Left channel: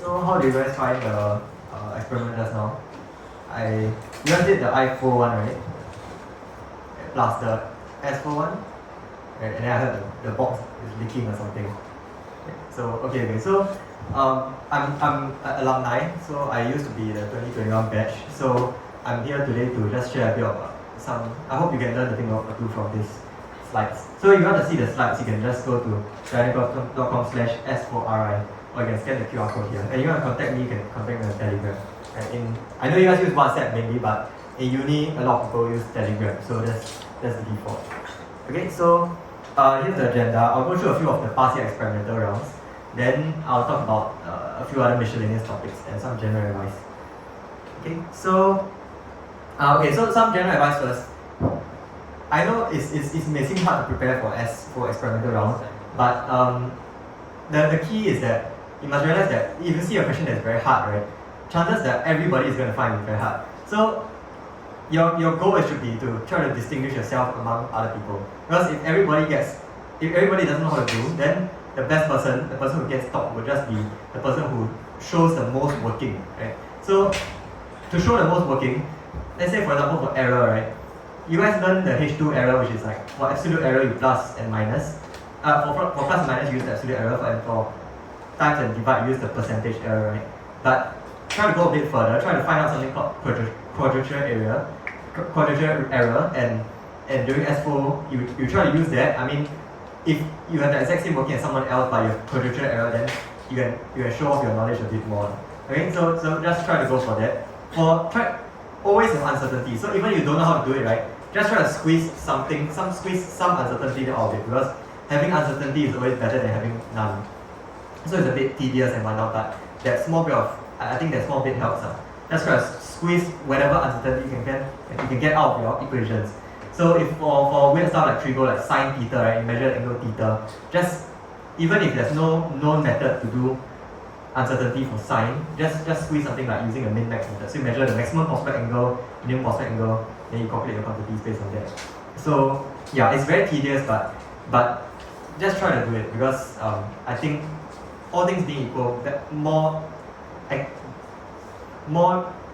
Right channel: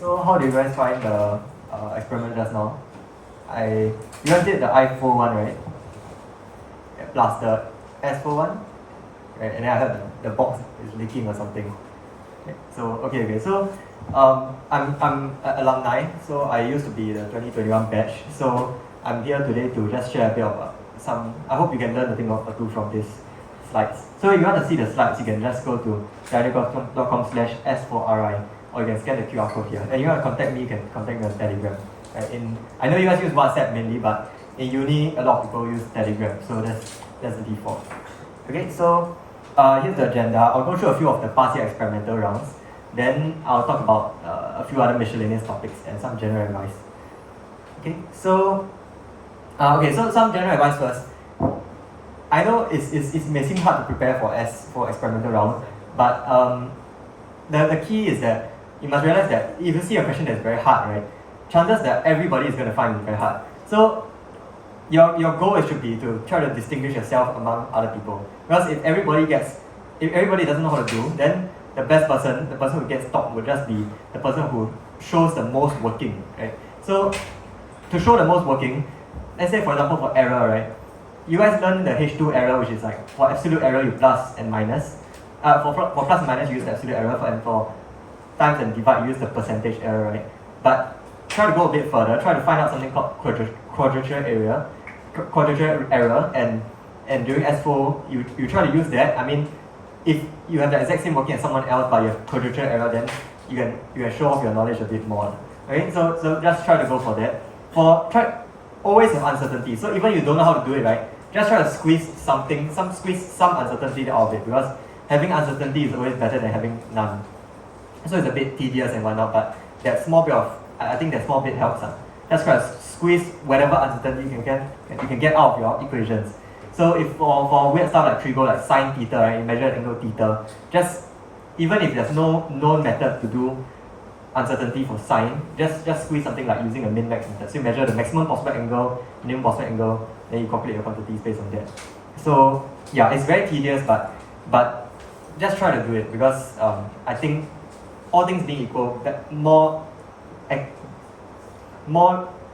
So how do you guys find the experiment just now? You guys did the SPhO one, right? Plus the SPhO one, right? And then I heard the box is leaking or something. Okay. So I'm an alumni. So I used to be the 2021 batch. So I'm here today to just share a bit of some. I hope you can learn a thing or two from this slides. So if you want to see the slides, you can just go to dynamic.com/S4RI, or you can scan the QR code here. And you want to contact me, you can contact me on Telegram. Right? I know you guys use WhatsApp mainly, but in uni, a lot of people use Telegram, so that's the default. Okay, so here's the agenda. I'll go through a few of the past year experimental rounds. Then I'll talk about a few other miscellaneous topics and some general advice. Okay, so some general advice first. I know it may seem hard to prepare for experimental rounds, but the key is that you must realize that if you see a question that's very hard, right, chances that everybody is going to find it very hard. So your goal should be to try to distinguish yourself among other people. Because if everybody doesn't know how to do, then the person who gets top would just be the person who shows the most working, right? So to show the most working, let's say for example for error, right? You guys learn the H2 error, which is like for absolute error you plus and minus. For plus and minus you use the absolute error, and for times and divide you use the percentage error, right? But try to go a bit further, try to find out something called quadrature error, and during SPhO you try to use that. I mean, if you have the exact same working as someone else but you have quadrature error, then you can show off your knowledge a bit more. Okay, so just try to go for that. Always have uncertainty. So even if you don't know how to do it, right, just try to squeeze some uncertainty out of it, because having uncertainty is always better than having none. So it's a bit tedious and whatnot, but I think that small bit helps. Just try to squeeze whatever uncertainty you can get out of your equations. So if for weird stuff like trigo, like sine theta, right, you measure angle theta, just even if there's no known method to do uncertainty for sine, just squeeze something like using a min-max method. So you measure the maximum possible angle, minimum possible angle, then you calculate the quantities based on that. So yeah, it's very tedious, but just try to do it, because I think all things being equal, that more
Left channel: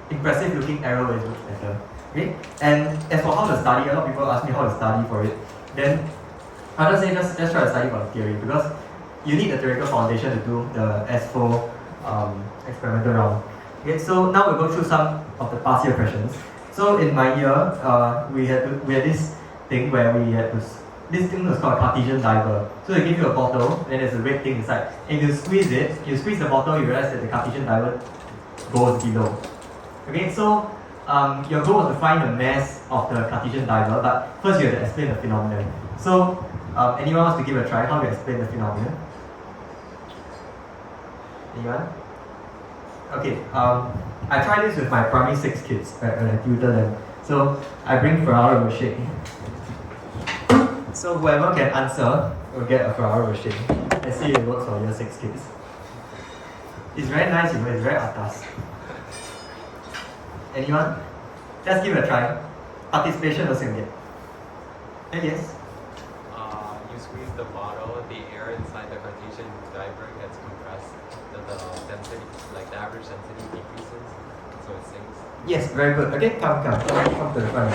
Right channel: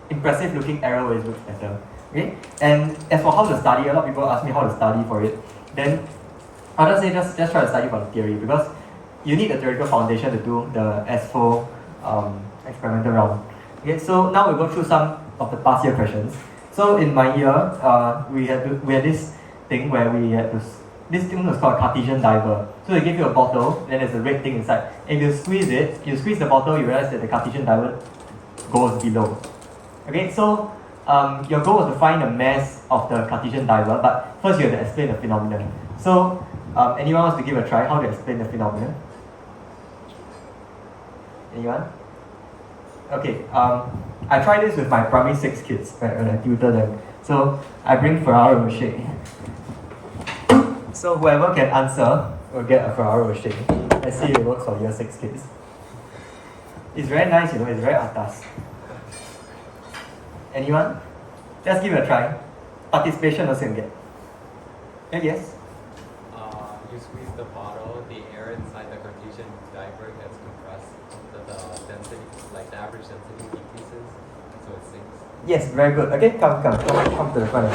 impressive looking error always looks better. Okay? And as for how to study, a lot of people ask me how to study for it. Then I'll just say just try to study for the theory, because you need the theoretical foundation to do the SPhO experimental round. Okay, so now we'll go through some of the past year questions. So in my year, we had this thing where this thing was called a Cartesian diver. So they give you a bottle, and then there's a red thing inside. And if you squeeze the bottle, you realize that the Cartesian diver goes below. Okay, so your goal was to find the mass of the Cartesian diver, but first you have to explain the phenomenon. So anyone wants to give a try how to explain the phenomenon? Anyone? Okay, I tried this with my primary 6 kids when I tutor them. So I bring Ferraro Rocher. So whoever can answer will get a Ferraro Rocher. Let's see if it works for your 6 kids. It's very nice, it's very atas. Anyone? Just give it a try. Participation also can get. Yes? You squeeze the bottle, the air inside the Cartesian diver gets compressed. The density, like the average density decreases, so it sinks. Yes, very good. Okay, come to the front and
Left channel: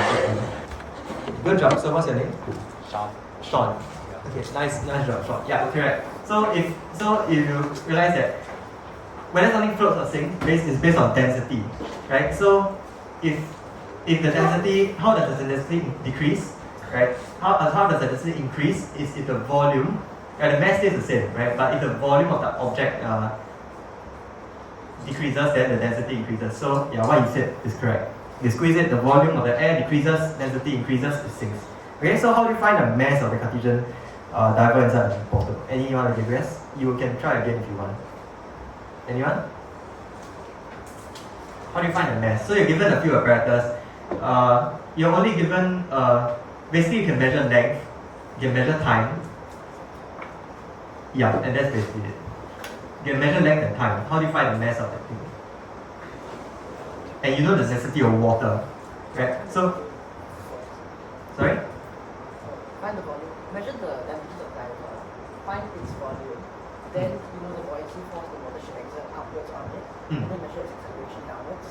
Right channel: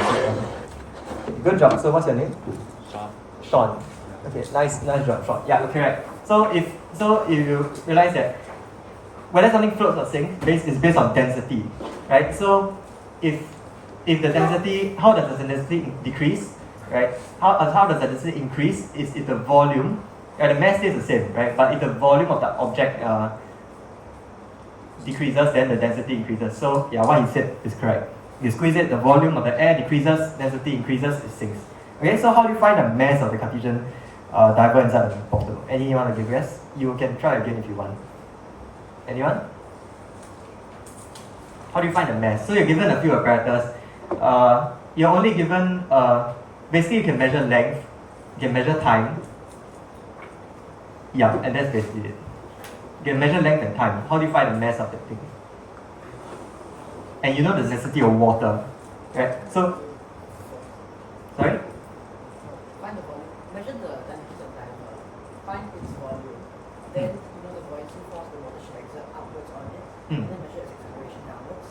sit. Good job. So what's your name? Sean. Yeah. Okay, nice job, Sean. Yeah, okay, right. So if you realize that whether something floats or sinks is based on density, right? So if the density, how does the density decrease, right? How does the density increase is if the volume, right? The mass stays the same, right? But if the volume of the object decreases, then the density increases. So yeah, what you said is correct. You squeeze it, the volume of the air decreases, density increases, it sinks. Okay, so how do you find the mass of the Cartesian diver inside the bottle? Anyone want to give guess? You can try again if you want. Anyone? How do you find the mass? So you're given a few apparatus. You're only given, basically you can measure length, you can measure time. Yeah, and that's basically it. You can measure length and time. How do you find the mass of the thing? And you know the density of water, right? So, sorry? Find the volume. Measure the temperature of the diver. Find its volume. then you know the buoyancy force that will exert upwards on it, Mm. and then measure its acceleration downwards.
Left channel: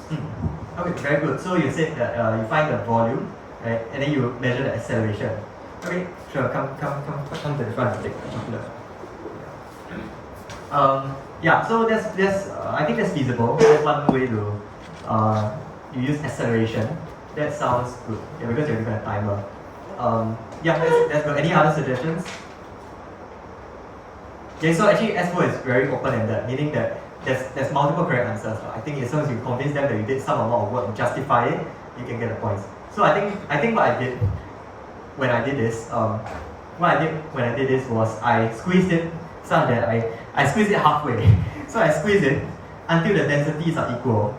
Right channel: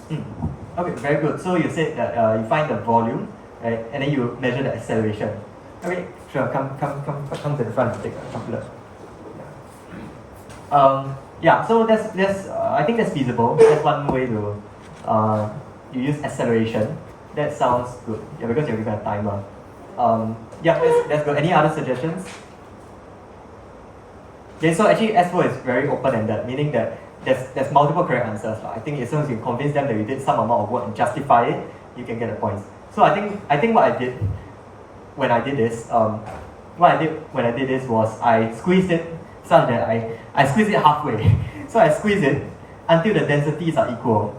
Okay, very good. So you said that you find the volume, right, and then you measure the acceleration. Okay, sure. Come to the front and take a chocolate. Yeah. So that's I think that's feasible. That's one way to you use acceleration. That sounds good. Yeah, because you're given a timer. Yeah, that's good. Any other suggestions? Okay, so actually SPhO is very open-ended, meaning that there's multiple correct answers. I think as soon as you convince them that you did some amount of work and justify it, you can get the points. So I think what I did when I did this, was I squeezed it such that I squeezed it halfway. So I squeezed it until the densities are equal.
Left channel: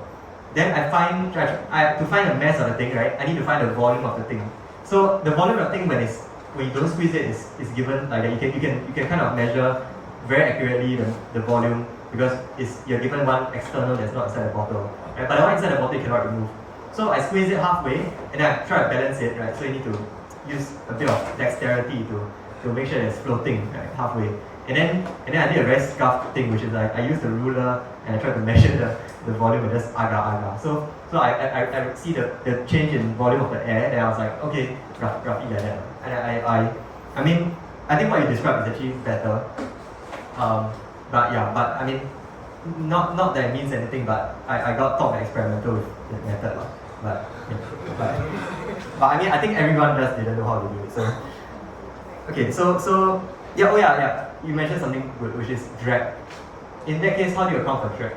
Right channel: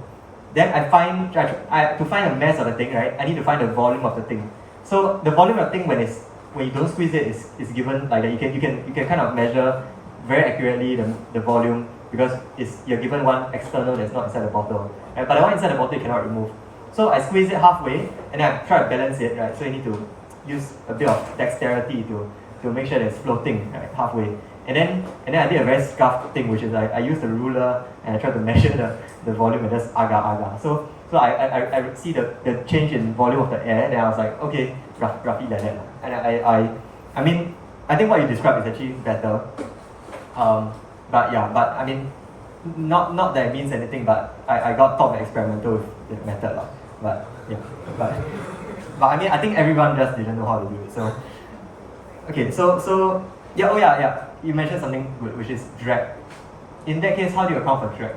Then to find the mass of the thing, right? I need to find the volume of the thing. So the volume of the thing when you don't squeeze it is given like that. You can kind of measure very accurately the volume because you're given one external that's not inside the bottle. Right? But the one inside the bottle you cannot remove. So I squeeze it halfway and then I try to balance it, right? So you need to use a bit of dexterity to make sure that it's floating right, halfway. And then I did a very scuffed thing, which is I used the ruler and I tried to measure the volume and just aga. So I would see the change in volume of the air, and I was like, okay, roughly like that. And I mean, I think what you described is actually better. But I mean, not that it means anything, but I got taught by experimental with the method. But I mean, I think everyone just didn't know how to do it. So, okay, so yeah, you mentioned something good, which is drag. In that case, how do you account for drag?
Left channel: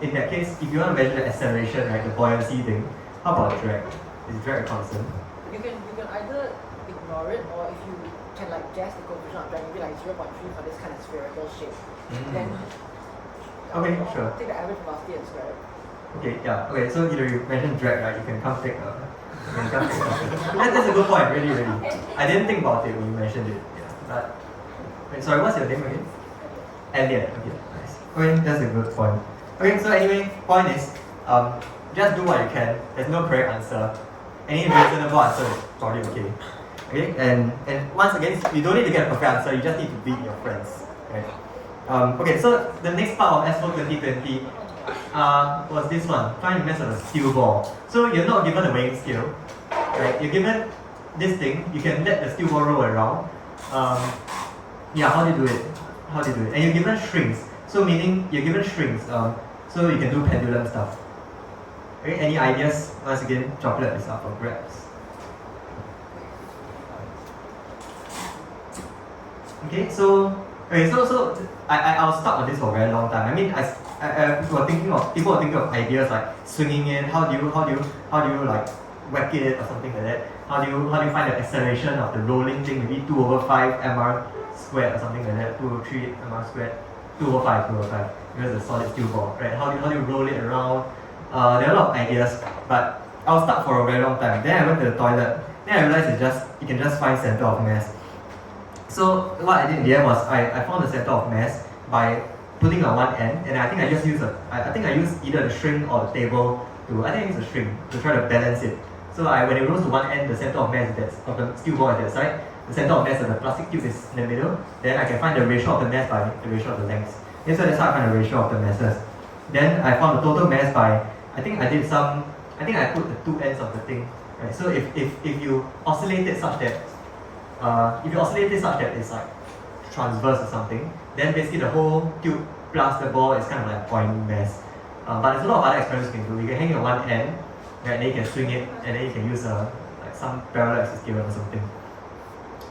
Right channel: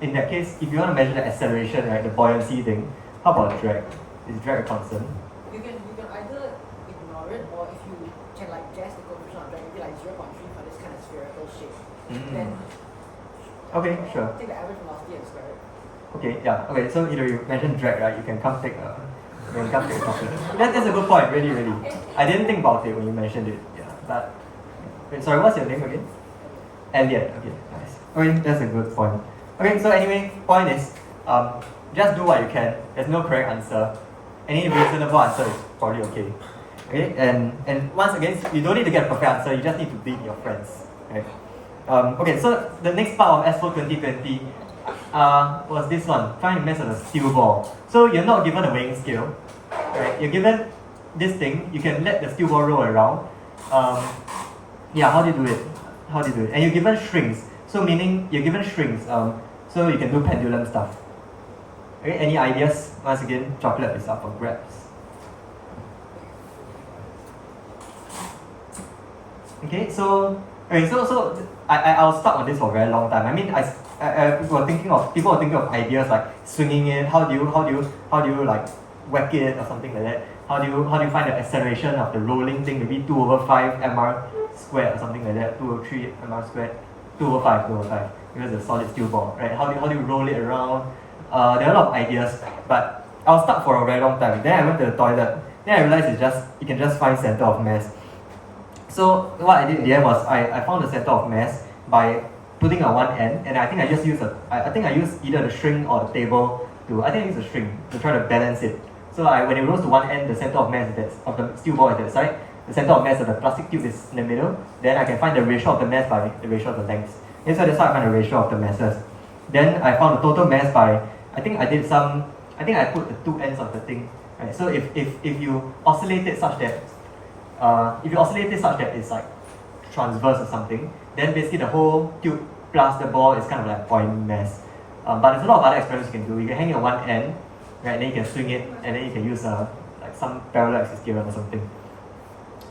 In that case, if you want to measure the acceleration, right, the buoyancy thing, how about drag? Is drag a constant? You can either ignore it, or if you can like guess the coefficient of drag, maybe like 0.3 for this kind of spherical shape. Then Okay, sure. take the average velocity and square it. Okay, yeah. Okay, so you mentioned drag, right? You can come take coffee. That's a good point, really. I didn't think about it when you mentioned it. Yeah, but wait, sorry, what's your name again? Elliot. Okay, nice. Okay, that's a good point. Okay, so anyway, point is, just do what you can. There's no correct answer. Any reasonable answer is probably okay. Okay, and once again, you don't need to get a perfect answer. You just need to beat your friends, right? Okay, so the next part of SPhO 2020 was this one. Find the mass of a steel ball. So you're not given a weighing scale, right? You're given this thing. You can let the steel ball roll around. Yeah, how do you do it? And you're given strings. So meaning you're given strings. So you can do pendulum stuff. Okay, any ideas? Once again, chocolate is up for grabs. Okay, so I was stuck on this for a very long time. I mean, people were thinking of ideas like swinging it. How do you like whack it or something like that? How do you find the acceleration of the rolling thing? Maybe 2/5 mr squared or something like that. 2/3 mr squared. 2/5 because it's a solid steel ball, right? How do you roll it around? There are a lot of ideas, but I was stuck for a very long time. Then I went to the toilet. Then I realized you can just find center of mass. So what I did in the end was I found the center of mass by putting on one end, and I think I just used I used either the string or the table I used a string to try to balance it. So when it rolls to one end, the center of mass of the steel ball is that side. The center of mass of the plastic tube is in the middle. Then I can find the ratio of the mass by the ratio of the lengths. And so that's how I find the ratio of the masses. Then I found the total mass by I think I put the two ends of the thing. Right? So if you oscillate it such that it's like transverse or something, then basically the whole tube plus the ball is kind of like point mass. But there's a lot of other experiments you can do. You can hang it on one end, right, and then you can swing it, and then you can use like some parallel axis theorem or something.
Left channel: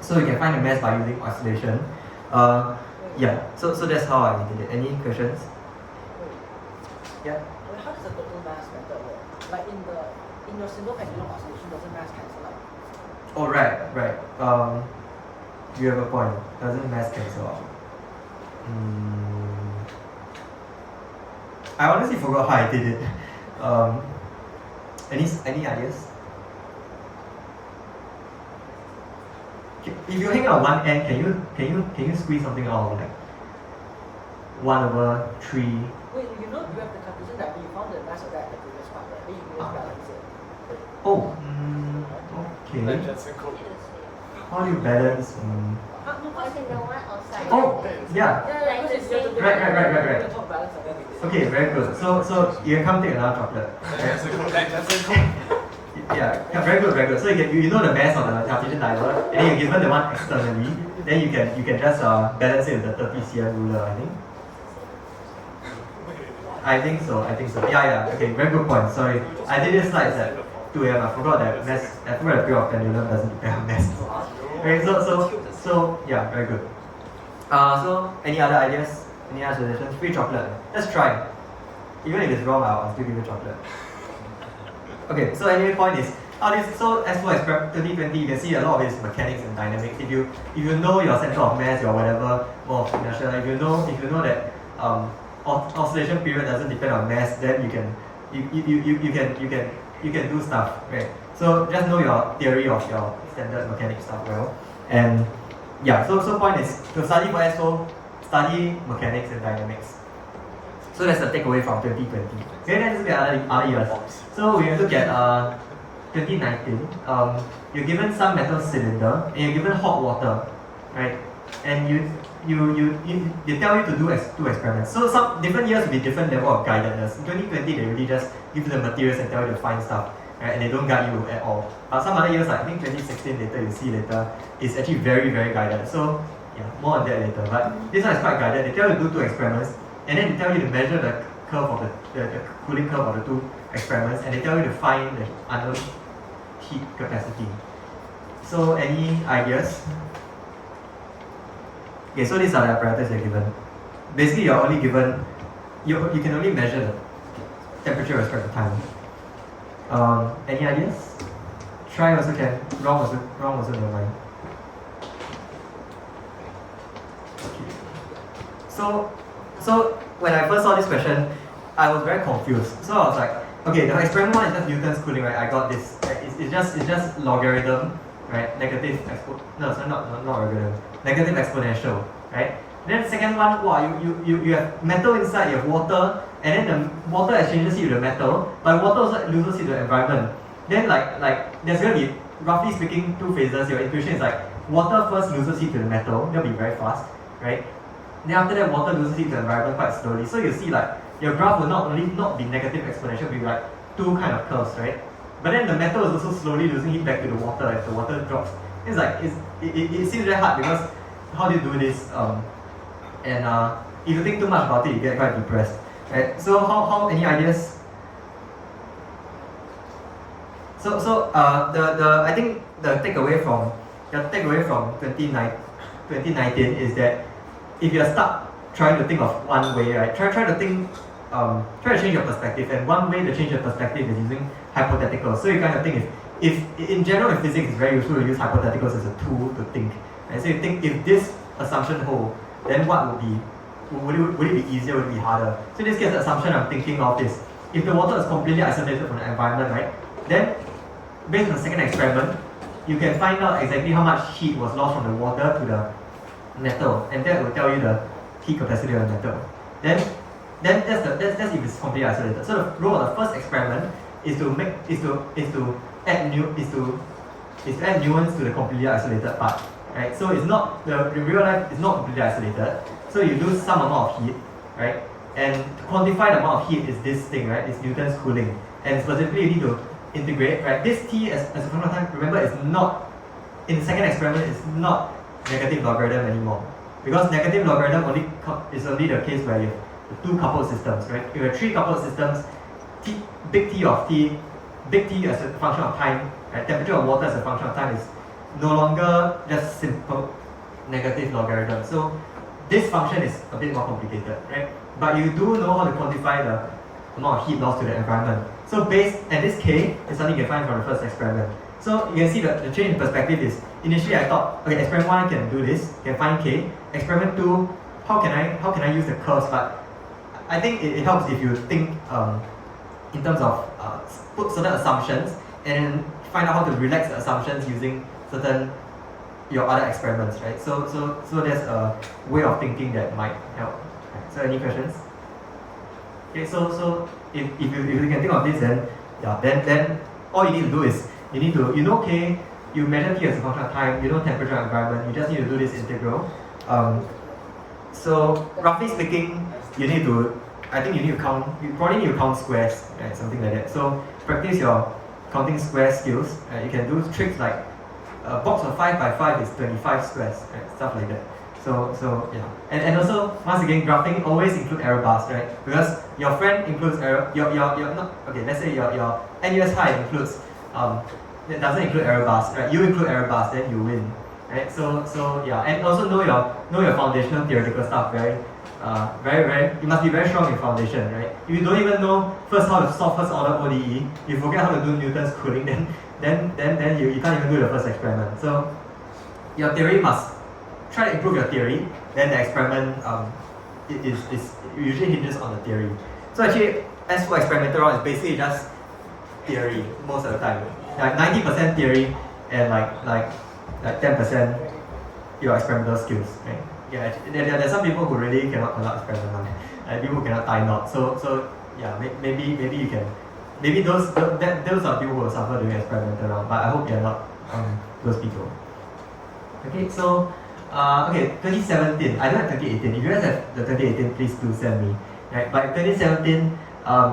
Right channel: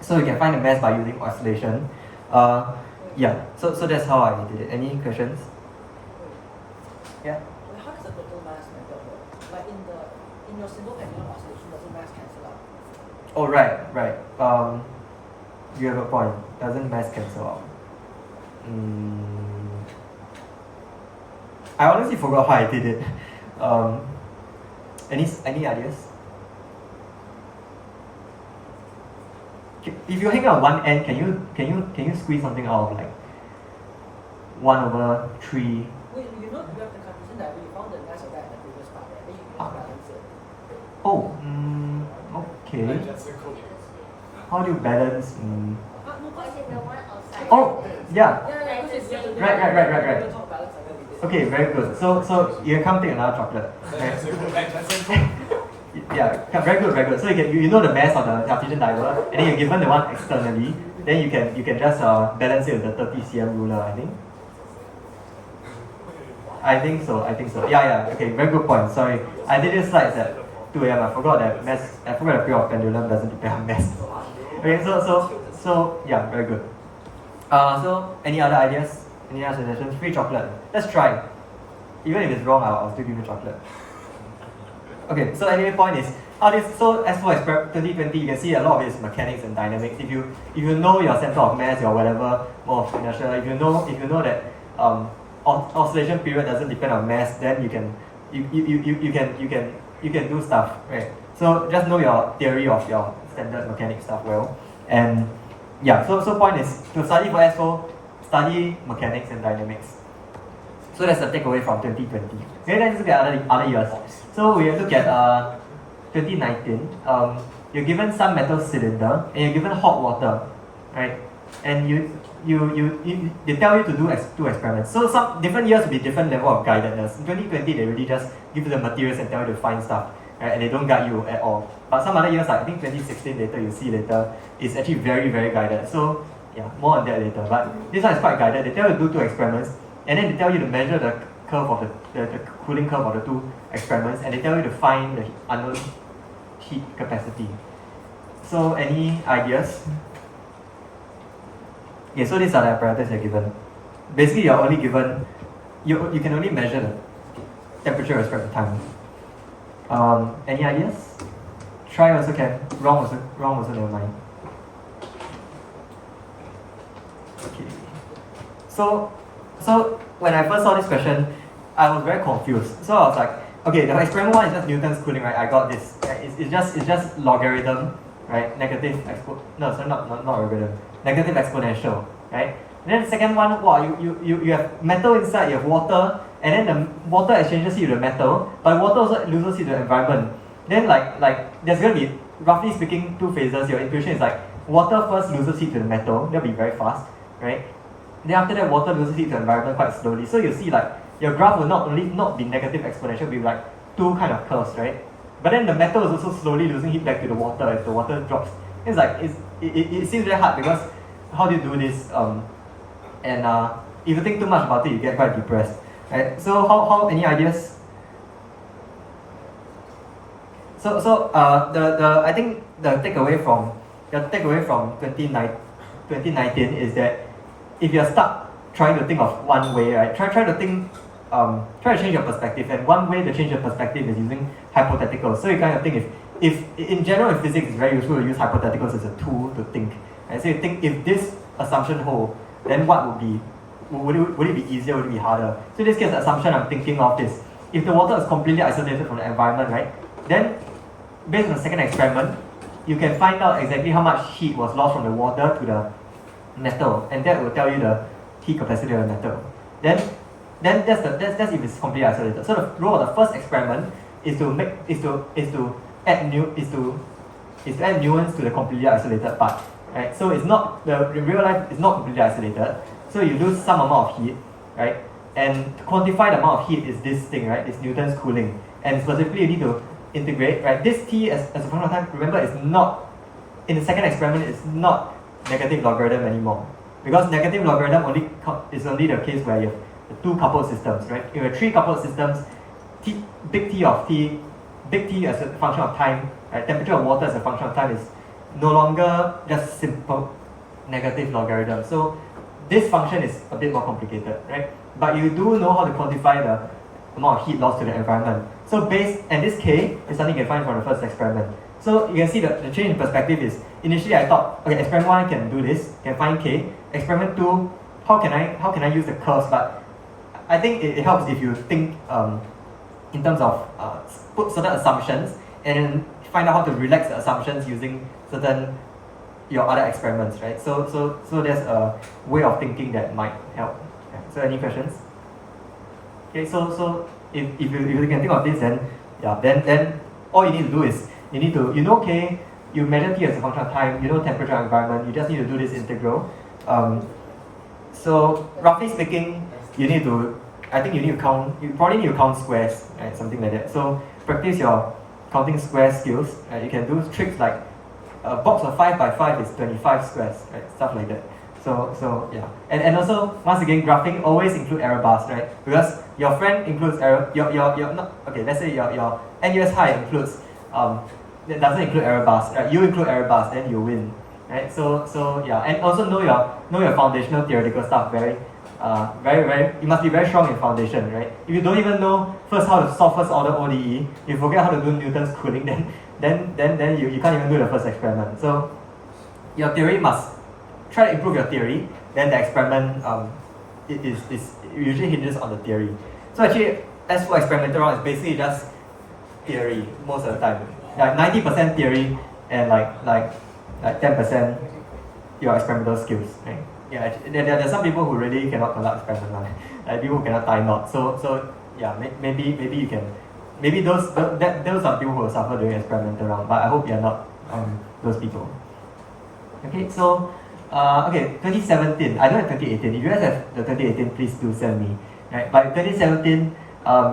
So you can find the mass by using oscillation. Yeah. So that's how I did it. Any questions? Yeah. How does the total mass method work? Like in your single pendulum oscillation, doesn't mass cancel out? Oh right. You have a point. Doesn't mass cancel out? I honestly forgot how I did it. Any ideas? If you hang on one end, can you squeeze something out of like 1/3? Wait, you have the Cartesian that you found the mass of that at the previous part, right? You can balance it. Oh, okay. How do you balance? No, I said the one outside. Oh, yeah. Yeah, because it's just Right. the top balance of them. Okay, very good. So you can come take another chocolate. That's a good. Yeah, very good. So you know the mass of the Cartesian diver, and then you're given the one externally, then you can just balance it with the 30 cm ruler, I think. I think so. Yeah. Okay, very good point. Sorry, I did this slides at 2 a.m. I forgot that mass. I forgot the period of pendulum doesn't depend on mass. Okay, so yeah, very good. So any other ideas? Any other suggestions? Free chocolate. Let's try. Even if it's wrong, I'll still give you chocolate. Okay, so anyway, point is, so SPhO experiment 2020, you can see a lot of it is mechanics and dynamics. If you know your center of mass or whatever more of inertia, if you know that oscillation period doesn't depend on mass, then you can do stuff, right? So just know your theory of your standard mechanics stuff well, and yeah. So point is to study for SPhO, study mechanics and dynamics. So that's the takeaway from 2020. Okay, let's look at other years. So we look at 2019. You're given some metal cylinder and you're given hot water, right? And they tell you to do two experiments. So some different years will be different level of guidedness. In 2020, they really just give you the materials and tell you to find stuff, right? And they don't guide you at all. But some other years, like I think 2016 later, you'll see later, it's actually very, very guided. So yeah, more on that later. But this one is quite guided. They tell you to do two experiments, and then they tell you to measure the curve of the cooling curve of the two experiments, and they tell you to find the unknown heat capacity. So any ideas? Okay, so these are the apparatus you're given. Basically, you're only given, you can only measure the temperature with respect to time. Any ideas? Try also can, wrong also no mind. Okay. So when I first saw this question, I was very confused. So I was like, okay, the experiment one is just Newton's cooling, right? I got this. Right? It's just logarithm, right? Negative not logarithm. Negative exponential, right? And then the second one, wow, you have metal inside, you have water, and then the water exchanges heat with the metal, but water also loses heat to the environment. Then like there's gonna be, roughly speaking, two phases. Your equation is like water first loses heat to the metal, that'll be very fast, right? Then after that, water loses heat to the environment quite slowly. So you see like your graph will not be negative exponential, will be like two kind of curves, right? But then the metal is also slowly losing heat back to the water as the water drops. It's like it seems very hard because how do you do this? And if you think too much about it, you get quite depressed, right? So how any ideas? So I think the takeaway from 2019 is that if you're stuck trying to think of one way, right? Try to change your perspective, and one way to change your perspective is using hypotheticals. So you kind of think if in general in physics it's very useful to use hypotheticals as a tool to think. And so you think if this assumption holds, then what would it be easier, would it be harder? So in this case, the assumption I'm thinking of is if the water is completely isolated from the environment, right? Then based on the second experiment, you can find out exactly how much heat was lost from the water to the metal, and that will tell you the heat capacity of the metal. Then that's if it's completely isolated. So the role of the first experiment is to add nuance to the completely isolated part, right? So it's not the real life is not completely isolated. So you lose some amount of heat, right? And to quantify the amount of heat is this thing, right? It's Newton's cooling, and specifically you need to integrate, right? This t as a function of time. Remember, it's not in the second experiment. It's not negative logarithm anymore, because negative logarithm is only the case where you have two coupled systems, right? If you have three coupled systems, big T as a function of time, right? Temperature of water as a function of time is no longer just simple negative logarithm. So this function is a bit more complicated, right? But you do know how to quantify the amount of heat lost to the environment. So and this K is something you can find from the first experiment. So you can see the change in perspective is, initially I thought, okay, experiment 1 can do this, can find K. Experiment 2, how can I use the curves? But I think it helps if you think in terms of put certain assumptions and then find out how to relax the assumptions using your other experiments, right? So there's a way of thinking that might help. So any questions? Okay, so if you can think of this, then all you need to do is K, you measure T as a function of time, you know temperature and environment, you just need to do this integral. So roughly speaking, I think you probably need to count squares, right? Something like that. So practice your counting square skills, and you can do tricks like a box of 5 by 5 is 25 squares, right? Stuff like that. So yeah, and also once again, graphing always include error bars, right? Because your friend includes error, your not okay. Let's say your NUS high includes it doesn't include error bars. Right? You include error bars, then you win, right? So yeah, and also know your foundational theoretical stuff very. You must be very strong in foundation, right? If you don't even know first how to solve first order ODE, you forget how to do Newton's cooling, then you can't even do the first experiment. So your theory must try to improve your theory, then the experiment it usually hinges on the theory. So actually SPhO experimental round is basically just theory most of the time. Like 90% theory and like 10% your experimental skills. Right? Yeah, there's some people who really cannot conduct experiment, like people who cannot tie knots. So yeah, maybe you can, maybe those are people who will suffer during experimental round. But I hope you're not those people. Okay, so 2017. I don't have 2018. If you guys have the 2018, please do send me. Right, but in 2017,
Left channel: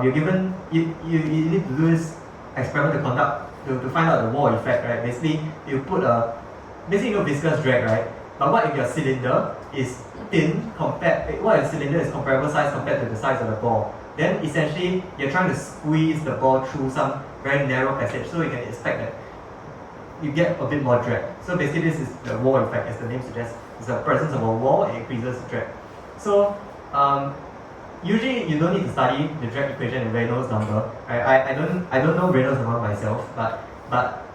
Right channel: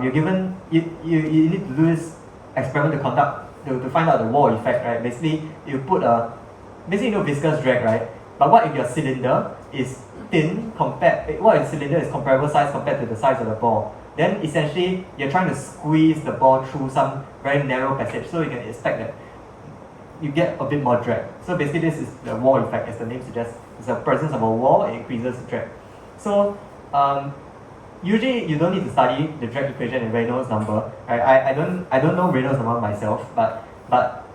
you're given you need to do this experiment to find out the wall effect. Right, basically you put basically viscous drag, right? But what if your cylinder is thin what if the cylinder is comparable size compared to the size of the ball? Then essentially you're trying to squeeze the ball through some very narrow passage, so you can expect that you get a bit more drag. So basically this is the wall effect, as the name suggests. It's the presence of a wall, it increases drag. So usually you don't need to study the drag equation in Reynolds number. I don't know Reynolds number myself, but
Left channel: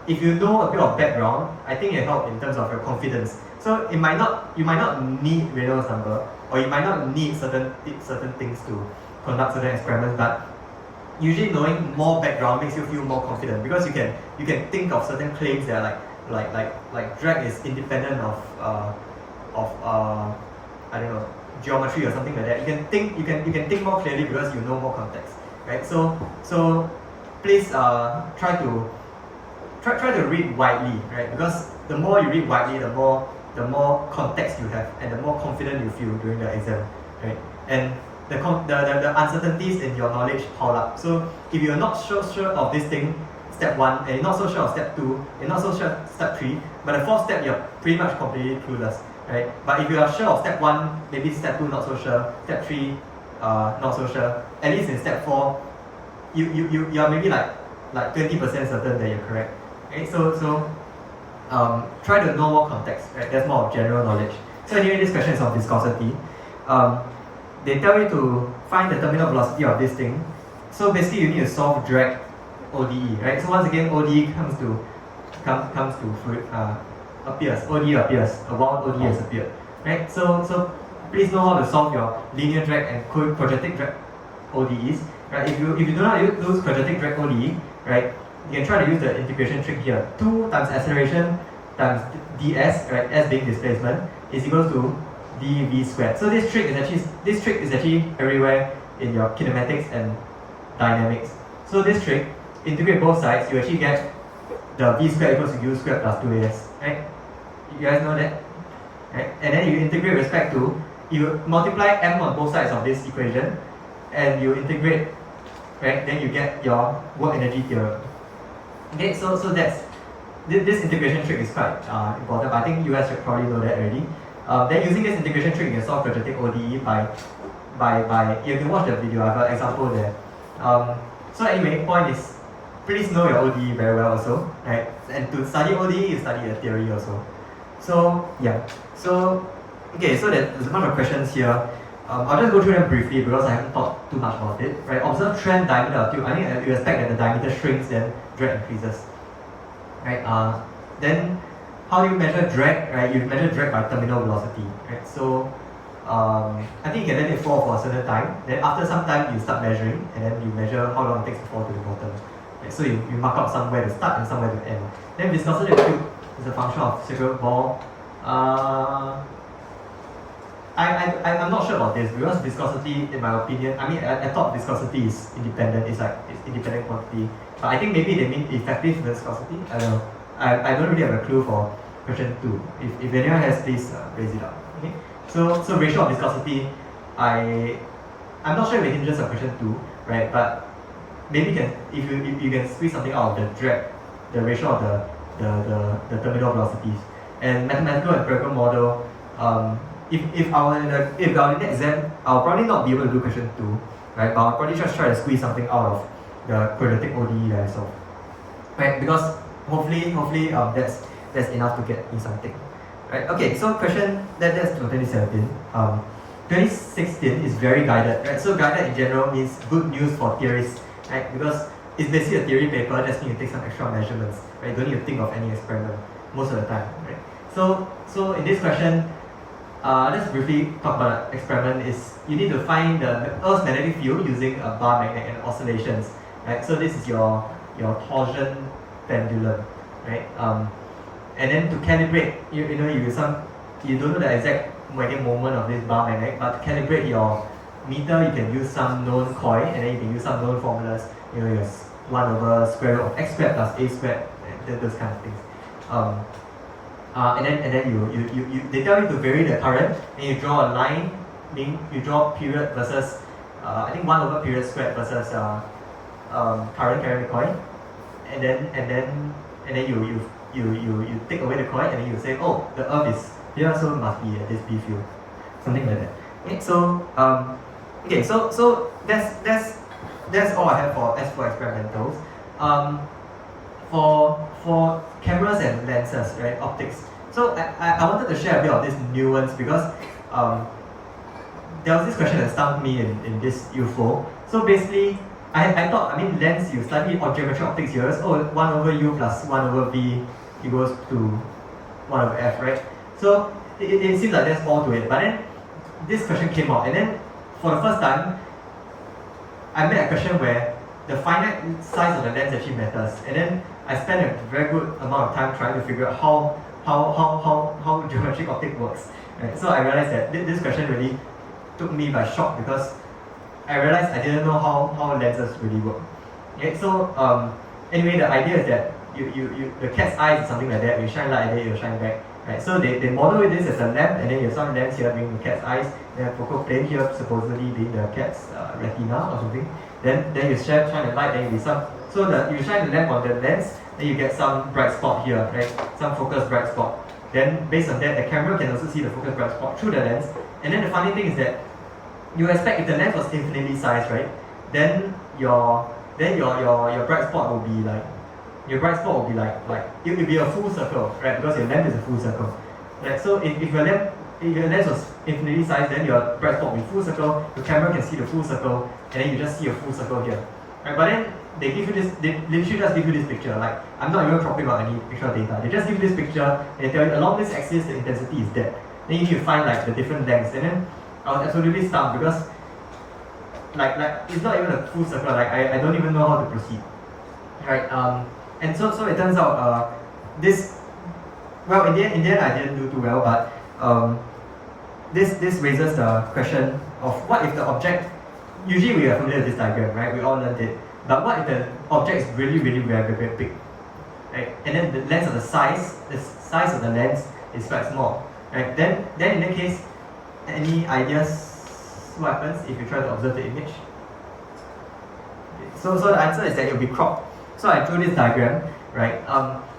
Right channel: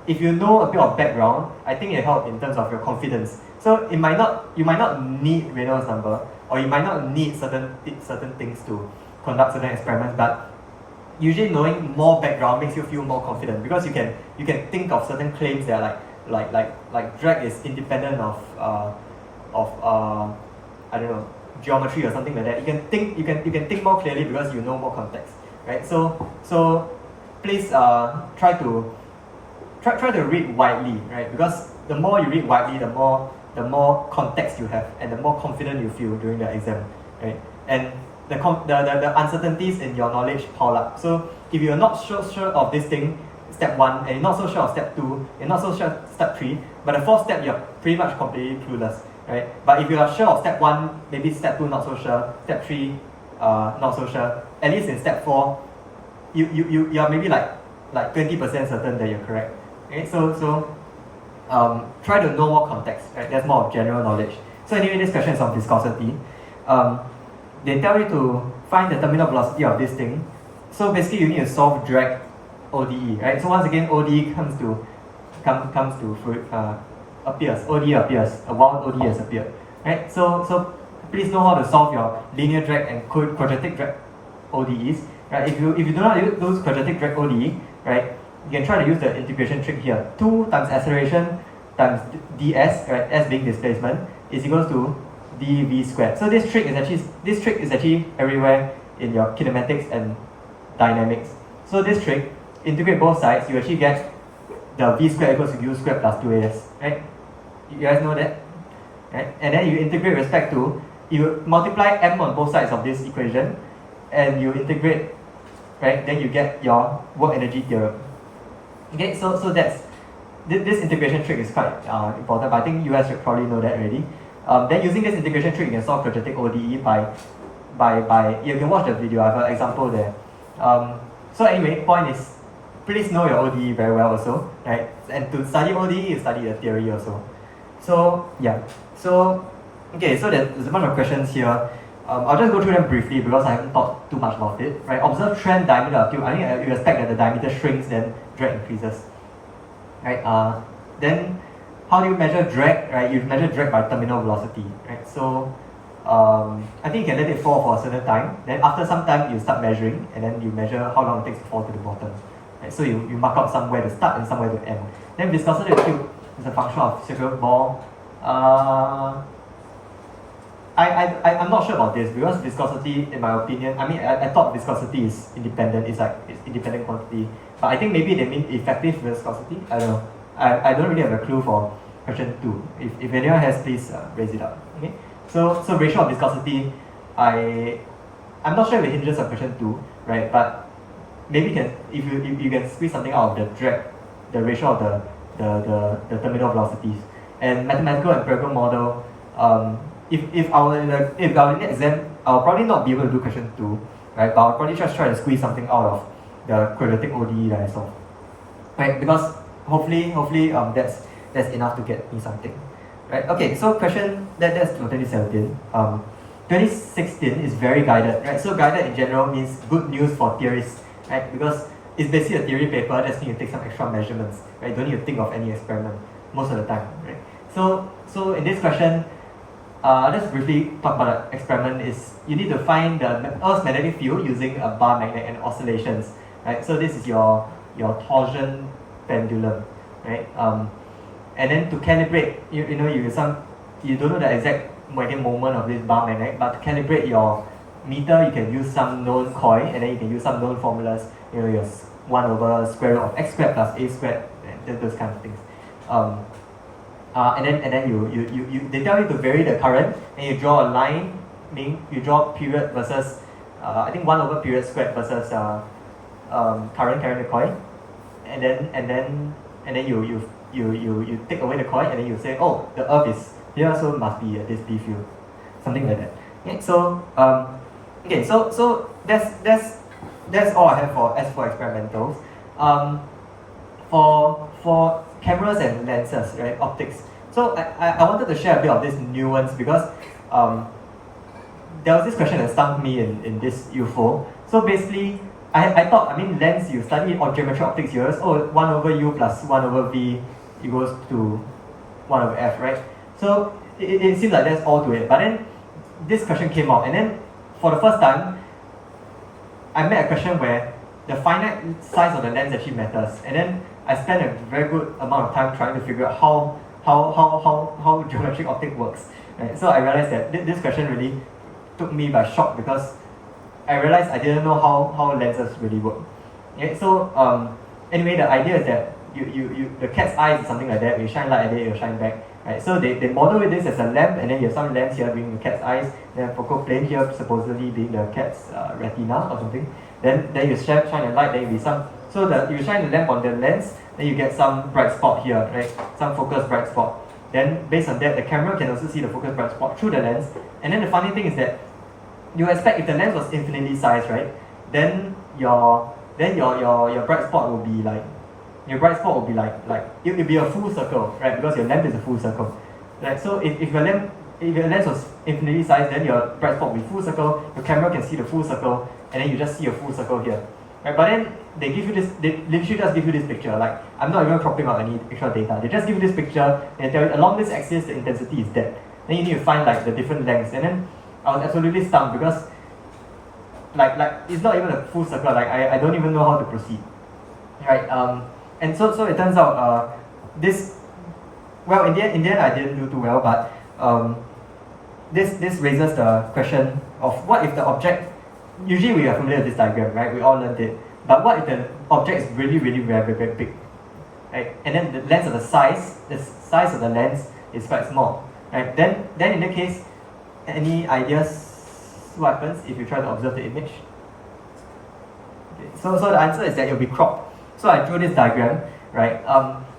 if you know a bit of background, I think it helps in terms of your confidence. So you might not need Reynolds number, or you might not need certain things to conduct certain experiments, but usually knowing more background makes you feel more confident, because you can think of certain claims that are like drag is independent of I don't know, geometry or something like that. You can think more clearly because you know more context, right? So please try to read widely, right? Because the more you read widely, the more context you have, and the more confident you feel during the exam, right? And the uncertainties in your knowledge pile up. So if you're not sure of this thing, step 1, and you're not so sure of step 2, you're not so sure of step 3, but the 4th step you're pretty much completely clueless, right? But if you are sure of step 1, maybe step 2 not so sure, step 3 not so sure, at least in step 4, you are maybe like 20% certain that you're correct. Okay, so try to know more context, right? That's more of general knowledge. So anyway, this question is on viscosity. They tell you to find the terminal velocity of this thing. So basically you need to solve drag ODE, right? So once again, ODE appears. ODE appears. A wild ODE has appeared, right? So please know how to solve your linear drag and quadratic drag ODEs, right? If you do not use quadratic drag ODE, right, you can try to use the integration trick here. 2 times acceleration times ds, right, s being displacement, is equals to dv squared. So this trick is actually everywhere in your kinematics and dynamics. So this trick, integrate both sides, you actually get the v squared equals to u squared plus 2as, right? You guys know that, right? And then you integrate respect to, you multiply m on both sides of this equation, and you integrate, right? Then you get your work energy theorem. Okay, so that's this integration trick is quite important, but I think you guys should probably know that already. Then using this integration trick, you can solve quadratic ODE by you can watch the video. I have an example there. So anyway, point is, please know your ODE very well also, right? And to study ODE, you study the theory also. So yeah, so okay, so there's a bunch of questions here. I'll just go through them briefly because I haven't talked too much about it. Right? Observe trend diameter of tube. I mean, you expect that the diameter shrinks, then drag increases. Right? Then how do you measure drag? Right? You measure drag by terminal velocity. Right? So I think you can let it fall for a certain time. Then after some time, you start measuring, and then you measure how long it takes to fall to the bottom. Right? So you mark up somewhere to start and somewhere to end. Then viscosity of tube is a function of circular ball. I'm not sure about this because viscosity, in my opinion, I mean, I thought viscosity is independent. It's independent quantity, but I think maybe they mean effective viscosity. I don't know. I don't really have a clue for question 2. If anyone has, please raise it up. Okay. So ratio of viscosity, I'm not sure if it hinges on question 2, right? But maybe if you can squeeze something out of the drag, the ratio of the terminal velocities. And mathematical empirical model, if I were in the exam, I'll probably not be able to do question 2, right? But I'll probably just try to squeeze something out of the quadratic ODE that I solved, right? Because hopefully that's enough to get me something, right? Okay, so that's 2017. 2016 is very guided, right? So guided in general means good news for theorists, right? Because it's basically a theory paper, just need to take some extra measurements, right? You don't need to think of any experiment most of the time, right? So in this question, let's briefly talk about the experiment. Is you need to find the Earth's magnetic field using a bar magnet and oscillations, right? So this is your torsion pendulum, right? And then to calibrate, you don't know the exact magnetic moment of this bar magnet, but to calibrate your meter, you can use some known coil, and then you can use some known formulas. Your 1 over square root of x squared plus a squared, those kind of things. And then you they tell you to vary the current, and you draw a line, meaning you draw period versus I think 1 over period squared versus current carrying the coil, and then you take away the coil, and then you say, oh, the Earth is here, so it must be at this B field, something like that. Okay, so that's all I have for SPhO experimentals. For cameras and lenses, right, optics. So I wanted to share a bit of this nuance because there was this question that stung me in this UFO. So basically, I thought, lens, you study geometric optics here, 1 over U plus 1 over V equals to 1 over F, right? So it seems like that's all to it. But then this question came out, and then for the first time, I met a question where the finite size of the lens actually matters. And then I spent a very good amount of time trying to figure out how geometric optics works. Right? So I realized that this question really took me by shock because I realized I didn't know how lenses really work. Okay? So anyway, the idea is that the cat's eye is something like that. You shine light at it, it will shine back. Right? So they model this as a lamp, and then you have some lens here being the cat's eyes, then focal plane here supposedly being the cat's retina or something. Then you shine the light, then you some. So you shine the lamp on the lens, then you get some bright spot here, right? Some focus bright spot. Then based on that, the camera can also see the focus bright spot through the lens. And then the funny thing is that you expect if the lens was infinitely sized, right? Then your bright spot will be like it will be a full circle, right? Because your lamp is a full circle. Right? So if your lens was infinitely sized, then your bright spot will be full circle, the camera can see the full circle, and then you just see a full circle here. Right? But then they literally just give you this picture. Like, I'm not even cropping out any extra data. They just give you this picture and they tell you along this axis the intensity is that. Then you need to find like the different lengths. And then I was absolutely stumped because like it's not even a full circle. Like I don't even know how to proceed. Right? And so it turns out in the end I didn't do too well, but this raises the question of what if the object, usually we are familiar with this diagram, right? We all learned it. But what if the object is really, really very, very big? Right? And then the size of the lens is quite small. Right? Then in that case, any ideas what happens if you try to observe the image? Okay. So the answer is that it will be cropped. So I drew this diagram, right?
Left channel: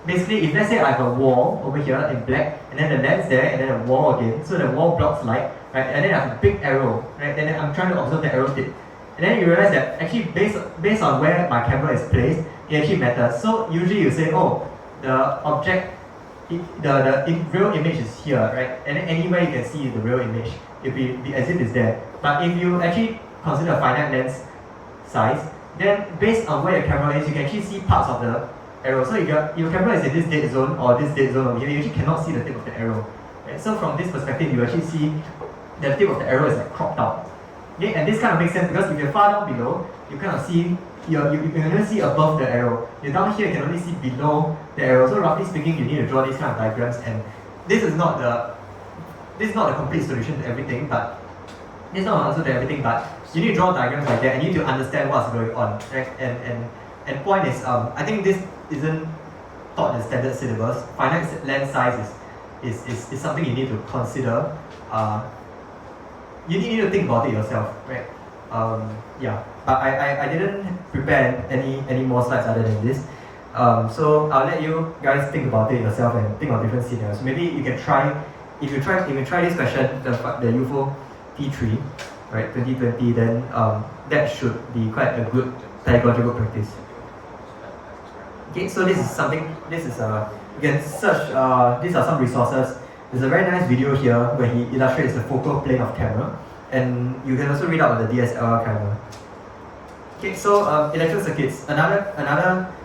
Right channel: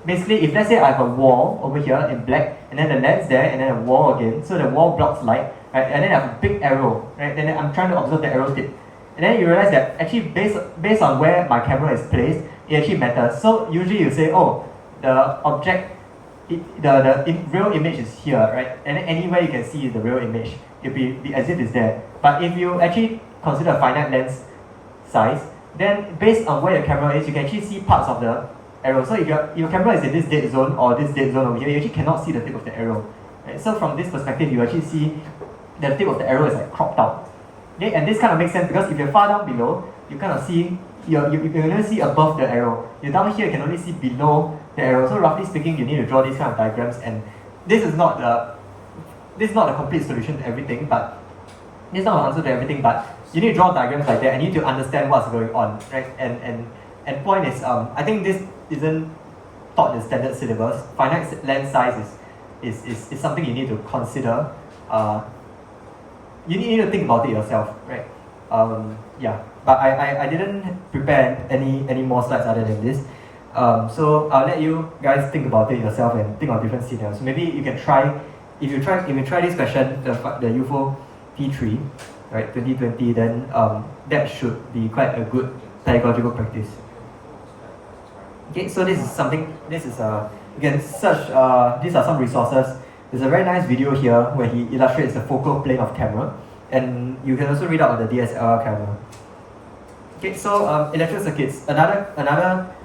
Basically, if let's say I have a wall over here in black, and then the lens there, and then a wall again, so the wall blocks light, right? And then I have a big arrow, right? And then I'm trying to observe the arrow tip. And then you realize that actually based on where my camera is placed, it actually matters. So usually you say, oh, the object, the real image is here, right? And then anywhere you can see the real image, it'll be as if it's there. But if you actually consider a finite lens size, then based on where your camera is, you can actually see parts of the arrow. So if your camera is in this dead zone or this dead zone over here, you actually cannot see the tip of the arrow. Right? So from this perspective, you actually see the tip of the arrow is like cropped out. Okay? And this kind of makes sense because if you're far down below, you kind of see you can only see above the arrow. You're down here, you can only see below the arrow. So roughly speaking, you need to draw these kind of diagrams, and this is not the complete solution to everything, but this is not an answer to everything, but you need to draw diagrams like that and you need to understand what's going on. Right? And point is, I think this isn't taught in the standard syllabus. Finite lens size is something you need to consider you need to think about it yourself, right? Yeah, but I didn't prepare any more slides other than this. So I'll let you guys think about it yourself and think of different scenarios. Maybe you can try, if you try this question, the UFO T3, right, 2020, then that should be quite a good pedagogical practice. Okay, so this is you can search, these are some resources. There's a very nice video here where he illustrates the focal plane of camera, and you can also read up on the DSLR camera. Okay, so electrical circuits, another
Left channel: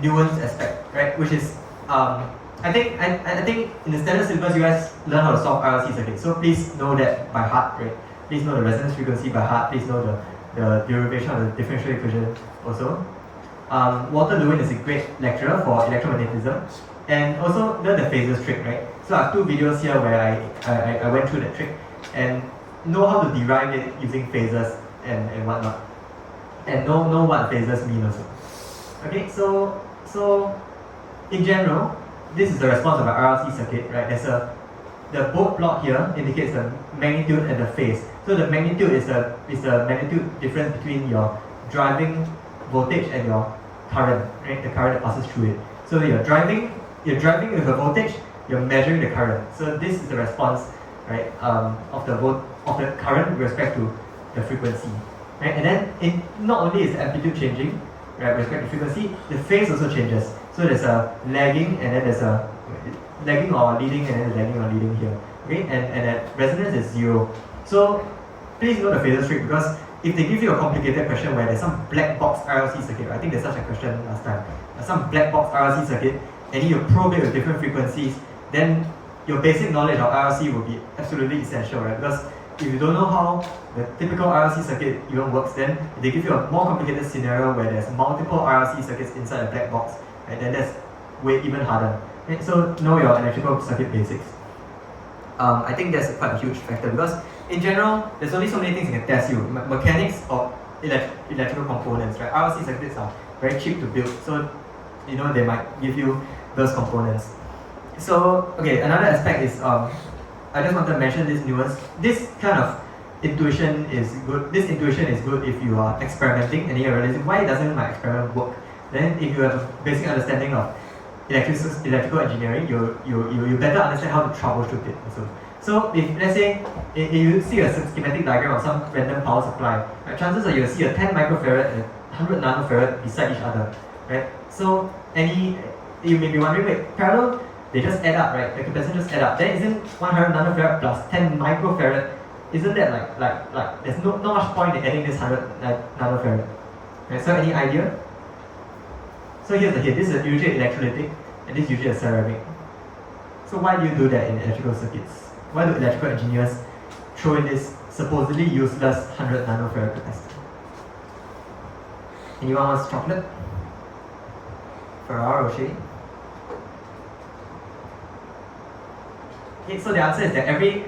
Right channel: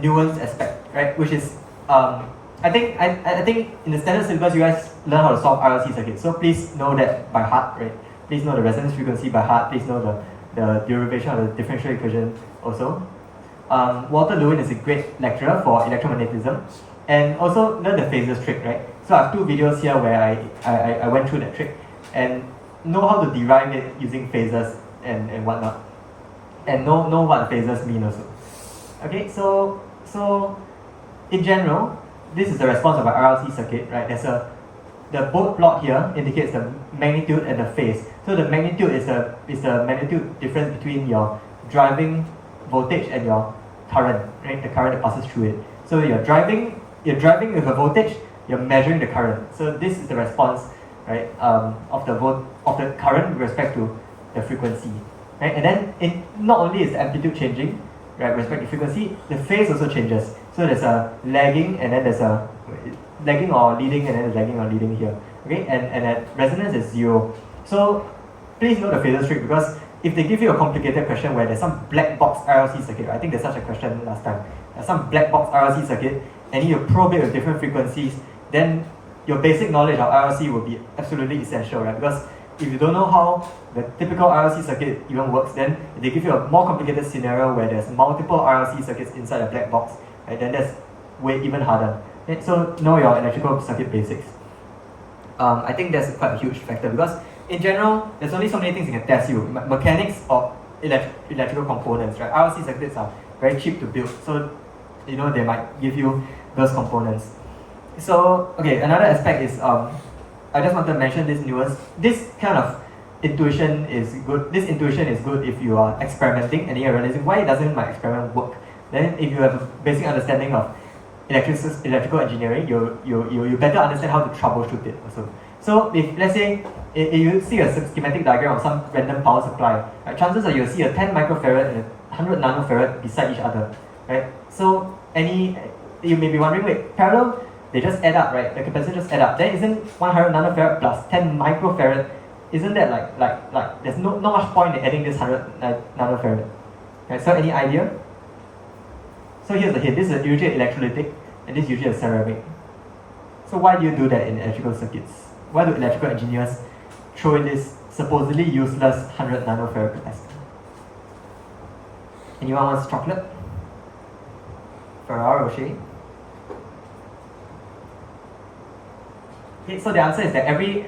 nuanced aspect, right, which is, I think in the standard syllabus you guys learn how to solve RLC circuits, so please know that by heart, right? Please know the resonance frequency by heart, please know the derivation of the differential equation also. Walter Lewin is a great lecturer for electromagnetism, and also learn the phasors trick, right? So I have two videos here where I went through that trick and know how to derive it using phasors and whatnot, and know what phasors mean also. Okay, so in general, this is the response of an RLC circuit, right? The bold plot here indicates the magnitude and the phase. So the magnitude is the magnitude difference between your driving voltage and your current, right? The current that passes through it. So you're driving with a voltage, you're measuring the current. So this is the response, right, of the current with respect to the frequency, right? And then not only is the amplitude changing, right, with respect to frequency, the phase also changes. So there's a lagging, and then there's a lagging or leading, and then there's lagging or leading here. Okay, and that resonance is 0. So please note the phasor trick, because if they give you a complicated question where there's some black box RLC circuit, I think there's such a question last time, some black box RLC circuit, and you probe it with different frequencies, then your basic knowledge of RLC will be absolutely essential, right? Because if you don't know how the typical RLC circuit even works, then if they give you a more complicated scenario where there's multiple RLC circuits inside a black box, right, then that's way even harder. Okay, so know your electrical circuit basics. I think that's quite a huge factor, because in general, there's only so many things you can test you. Mechanics of electrical components, right? RLC circuits are very cheap to build, so they might give you those components. So okay, another aspect is I just want to mention this nuance. This kind of intuition is good. This intuition is good if you are experimenting and then you're realizing, why doesn't my experiment work? Then if you have a basic understanding of electrical engineering, you better understand how to troubleshoot it also. So if let's say if you see a schematic diagram of some random power supply, right, chances are you'll see a 10 microfarad and a 100 nanofarad beside each other, right? So you may be wondering, wait, parallel, they just add up, right? The capacitance just add up. Then isn't 100 nanofarad plus 10 microfarad, isn't that like there's not much point in adding this 100 nanofarad? Right? So any idea? So here's the hint. This is usually electrolytic, and this is usually a ceramic. So why do you do that in electrical circuits? Why do electrical engineers throw in this supposedly useless 100 nanofarad capacitor? Anyone wants chocolate? Ferrari or Shay? Okay, so the answer is that every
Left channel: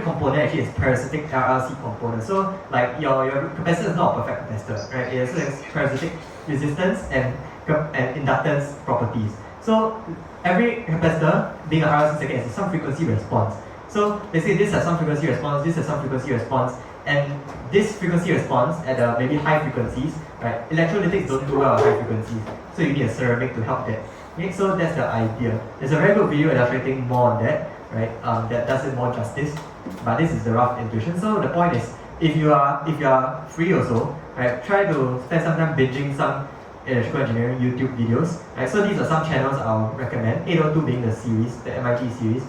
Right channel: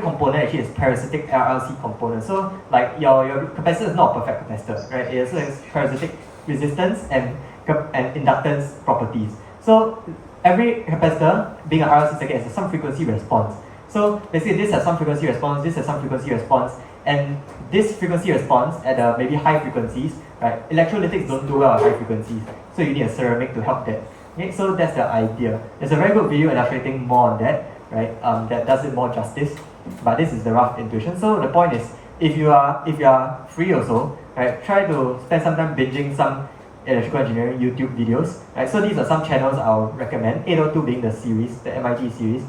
component actually is parasitic RLC component. So like your capacitor is not a perfect capacitor, right? It also has parasitic resistance and inductance properties. So every capacitor, being an RLC circuit, has some frequency response. So let's say this has some frequency response, this has some frequency response, and this frequency response at maybe high frequencies, right? Electrolytics don't do well at high frequencies, so you need a ceramic to help that. Okay, so that's the idea. There's a very good video illustrating more on that, right? That does it more justice. But this is the rough intuition. So the point is, if you are free also, right, try to spend some time binging some electrical engineering YouTube videos. Right? So these are some channels I'll recommend. 802 being the series, the MIT series,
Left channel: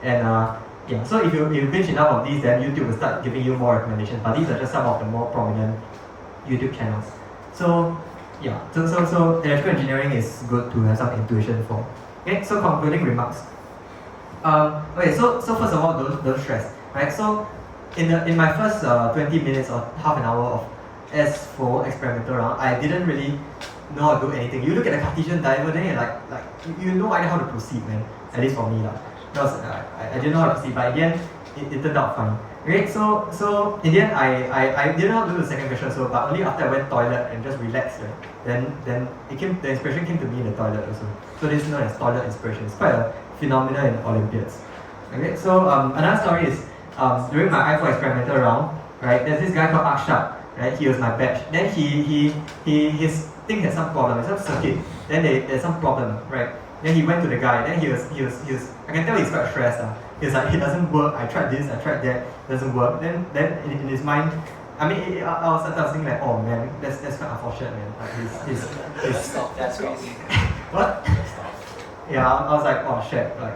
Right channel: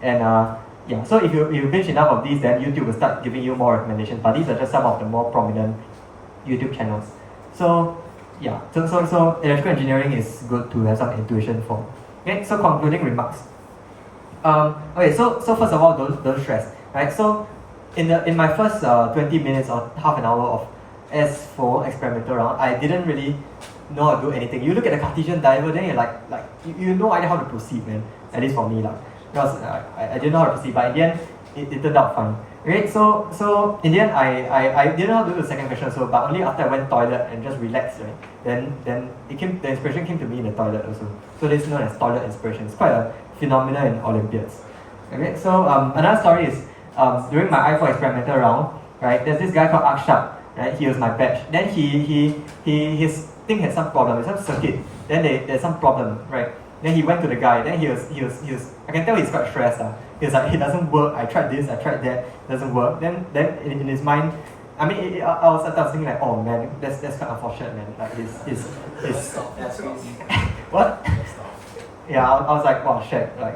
and yeah. So if you binge enough of these, then YouTube will start giving you more recommendations. But these are just some of the more prominent YouTube channels. So yeah, so electrical engineering is good to have some intuition for. Okay, so concluding remarks. Okay, so first of all, don't stress, right? So in my first 20 minutes or half an hour of SPhO experimental round, I didn't really know how to do anything. You look at the Cartesian diagram, then you're like you have no idea how to proceed, man. At least for me, because I didn't know how to proceed, but in the end, it turned out fine. Okay, so in the end, I didn't know how to do the second question, so but only after I went toilet and just relaxed, right? Then the inspiration came to me in the toilet also. So this is known as toilet inspiration. It's quite a phenomenon in Olympiads. Okay, so another story is during my I4 experimental round, right, there's this guy called Akshat, right, he was my batch. Then his thing had some problem, some circuit, then there's some problem, right. Then he went to the guy, then he was I can tell he's quite stressed. He's like, it doesn't work, I tried this, I tried that, doesn't work. Then in his mind, I mean, I was thinking like, oh man, that's kind of unfortunate, man. Like his That's crazy. what? Yeah, I was like, oh shit, like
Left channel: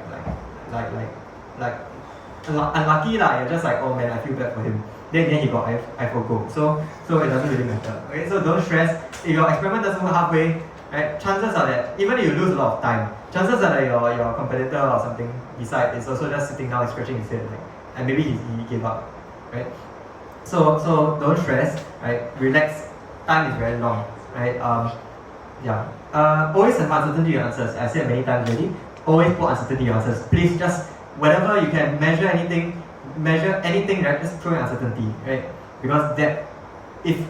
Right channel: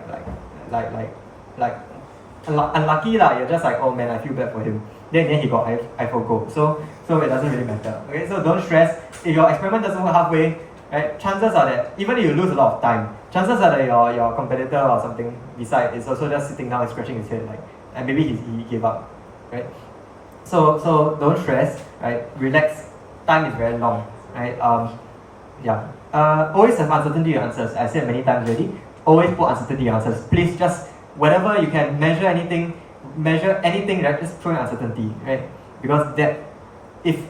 unlucky lah. You're just like, oh man, I feel bad for him. Then he got I4 gold. So it doesn't really matter. Okay, so don't stress. If your experiment doesn't work halfway, right, chances are that even if you lose a lot of time, chances are that your competitor or something beside is also just sitting down and scratching his head, like, and maybe he gave up, right? So don't stress, right? Relax. Time is very long, right? Always have uncertainty in answers. I said many times already. Always put uncertainty in answers. Please just whenever you can measure anything, right? Just throw in uncertainty, right? Because that, just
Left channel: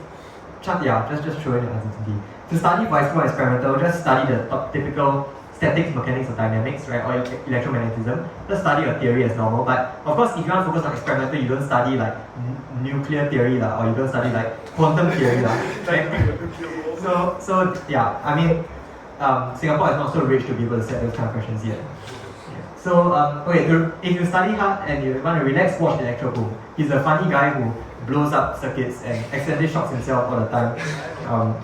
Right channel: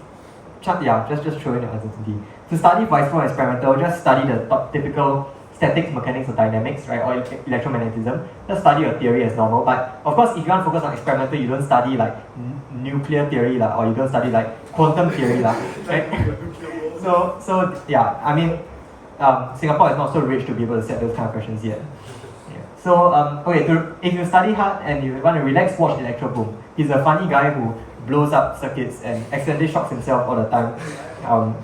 throw in the uncertainty. To study for experimental, just study the typical statics, mechanics, or dynamics, right? Or electromagnetism. Just study your theory as normal. But of course, if you want to focus on experimental, you don't study like nuclear theory or you don't study like quantum theory, right? So yeah, I mean, Singapore is not so rich to be able to set those kind of questions yet. So okay, if you study hard and you want to relax, watch Electro Boom. He's a funny guy who blows up circuits and accidentally shocks himself all the time.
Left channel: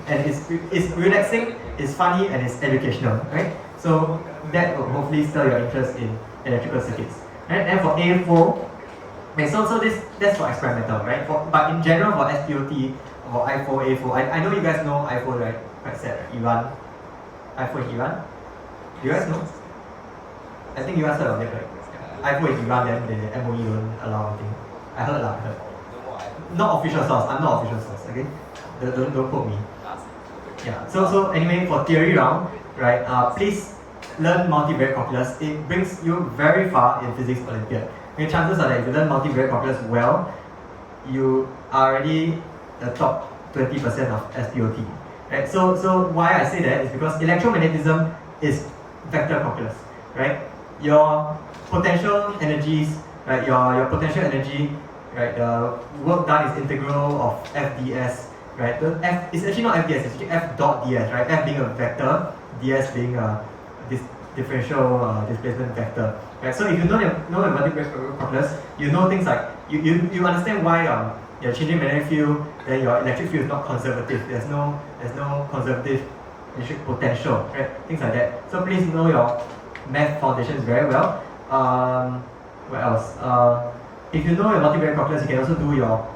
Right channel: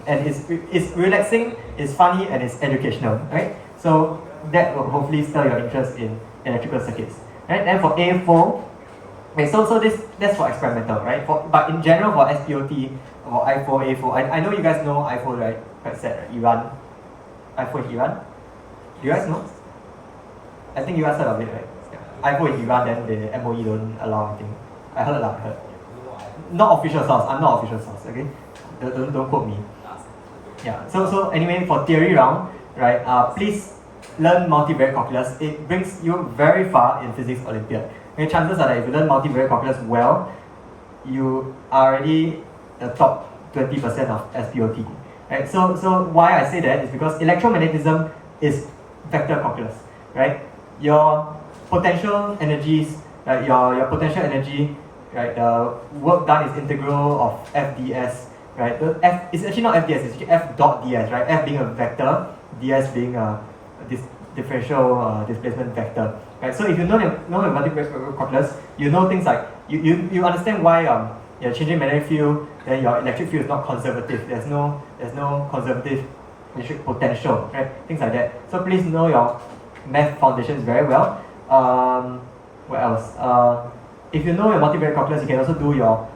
And it's relaxing, it's funny, and it's educational, right? So that will hopefully stir your interest in electrical circuits. Right? Then for A4, okay, so that's for experimental, right? But in general for SPhO, or I4, A4, I know you guys know I4, right? Quite sad, right? Iran. I4 is Iran? Do you guys know? I think you guys heard of it, right? I4 is Iran, then the MOE don't allow anything. I heard. Not official source, I'm not official source, okay? Don't quote me. Yeah, so anyway, for theory round, right, please learn multivariate calculus. It brings you very far in physics Olympiad. And chances are that if you learn multivariate calculus well, you are already the top 20% of SPhO. Right? So why I say that is because electromagnetism is vector calculus, right? Your potential energies, right? Your potential energy, right? The work done is integral of f ds, right? The f is actually not f ds, it's actually f dot ds, right? F being a vector, ds being a differential displacement vector, right? So if you know the multivariate calculus, you know things like you understand why you're changing magnetic field, then your electric field is not conservative. There's no conservative electric potential, right? Things like that. So please know your math foundations very well. What else? If you know your multivariate calculus, you can also do your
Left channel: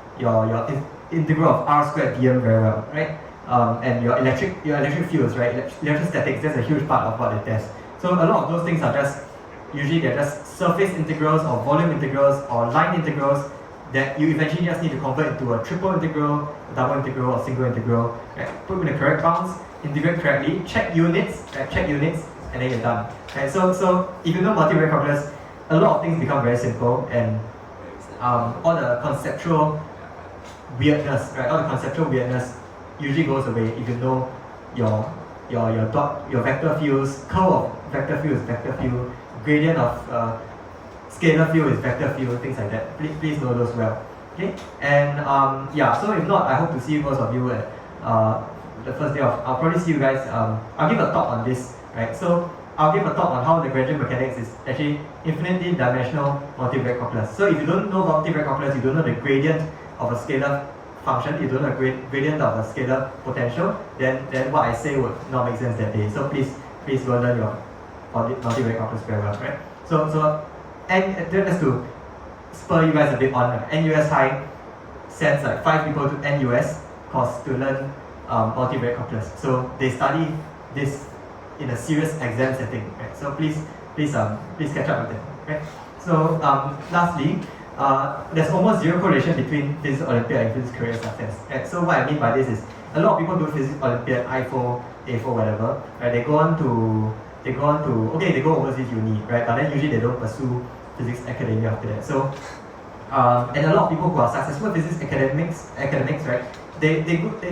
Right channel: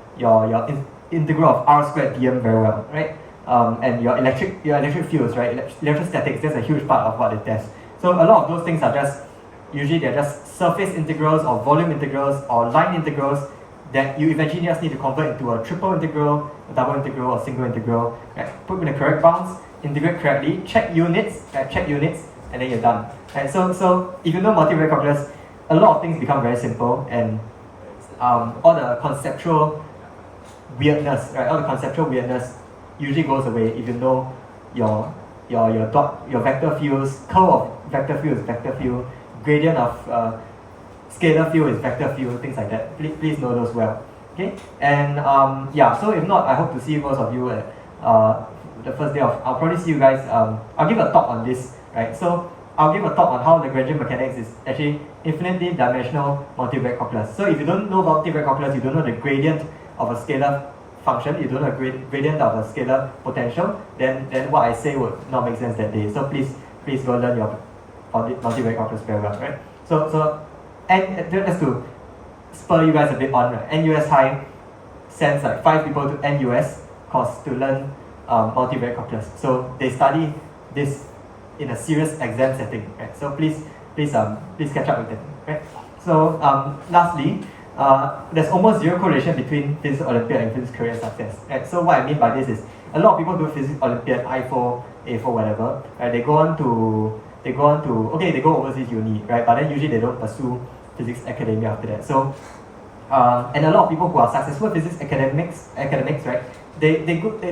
integral of r squared dm very well, right? And your electric fields, right? Electrostatics, that's a huge part of what they test. So a lot of those things are usually they're just surface integrals or volume integrals or line integrals that you eventually just need to convert into a triple integral, a double integral, or single integral. Right? Put in the correct bounds, integrate correctly, check units, and then you're done. Right? So if you know multivariate calculus, a lot of things become very simple, and all the conceptual weirdness, right? All the conceptual weirdness usually goes away if you know your vector fields, curl of vector field is vector field, gradient of scalar field is vector field, things like that. Please know those well. Okay? And so if not, I hope to see most of you at the first day of, I'll probably see you guys, I'll give a talk on this, right? So I'll give a talk on how Lagrangian mechanics is actually infinitely dimensional multivariate calculus. So if you don't know multivariate calculus, you don't know the gradient of a scalar function, you don't know the gradient of a scalar potential, then what I say would not make sense that day. So please go learn your multivariate calculus very well, right? So and just to spur you guys a bit on, right? NUS High sends like 5 people to NUS course to learn multivariate calculus. So they study this in a serious exam setting, right? So please catch up with them, right? So lastly, there's almost zero correlation between physics Olympiad and physics career success. Right? So what I mean by this is a lot of people do physics Olympiad, I4, A4, whatever, right? They go overseas uni, right? But then usually they don't pursue physics academia after that. So and a lot of people who are successful physics academics, right? They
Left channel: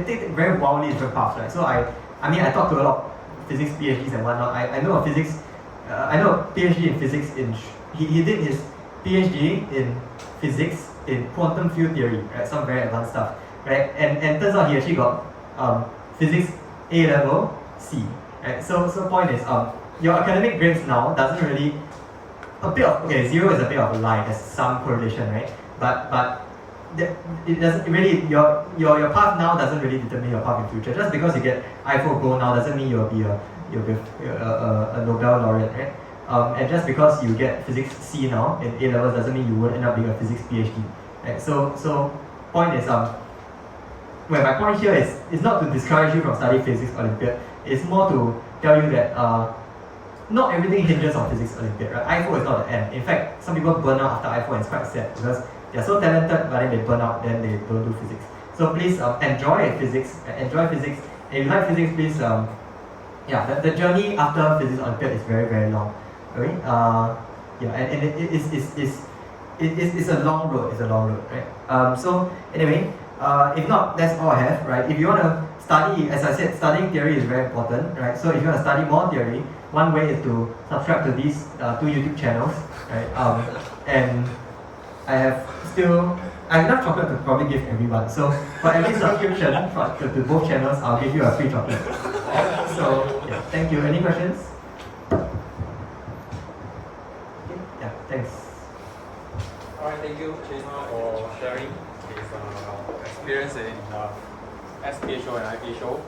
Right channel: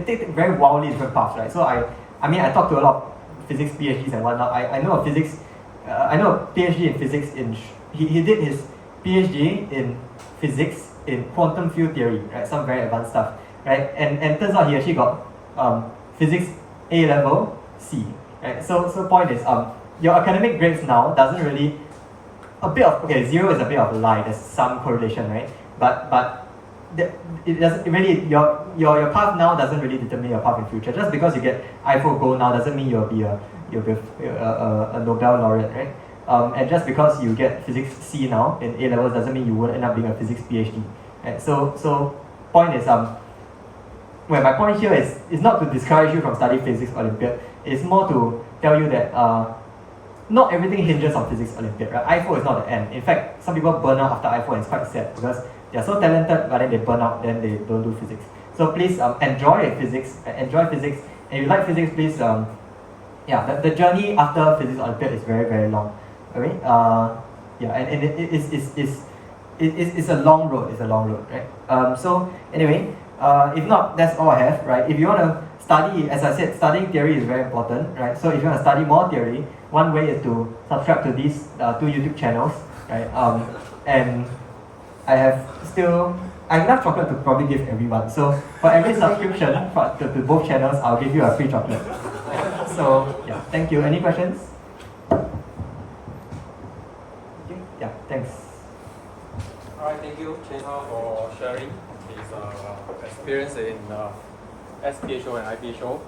take very wildly different paths, right? So I talk to a lot of physics PhDs and whatnot. I know a PhD in physics he did his PhD in physics in quantum field theory, right? Some very advanced stuff, right? And turns out he actually got physics A level C, right? So point is your academic grades now doesn't really a bit of okay, 0 is a bit of a lie. There's some correlation, right? But it doesn't really your path now doesn't really determine your path in future. Just because you get SPhO gold now doesn't mean you'll be a Nobel laureate, right? And just because you get physics C now in A levels doesn't mean you will end up being a physics PhD, right? So point is well, my point here is not to discourage you from studying physics Olympiad. It's more to tell you that not everything hinges on physics Olympiad, right? SPhO is not the end. In fact, some people burn out after SPhO and it's quite sad because they're so talented, but then they burn out, then they don't do physics. So please enjoy physics, and if you like physics, please yeah, the journey after physics Olympiad is very, very long. Okay? Yeah, and it's a long road. It's a long road, right? So anyway, if not, that's all I have, right? If you want to study, as I said, studying theory is very important, right? So if you want to study more theory, one way is to subscribe to these 2 YouTube channels, right? And I have enough chocolate to probably give everyone. So for every subscription to both channels, I'll give you a free chocolate. So yeah, thank you. Any questions? Okay, yeah, thanks. Alright, thank you, Chena, for sharing his experience in SPhO and IPhO.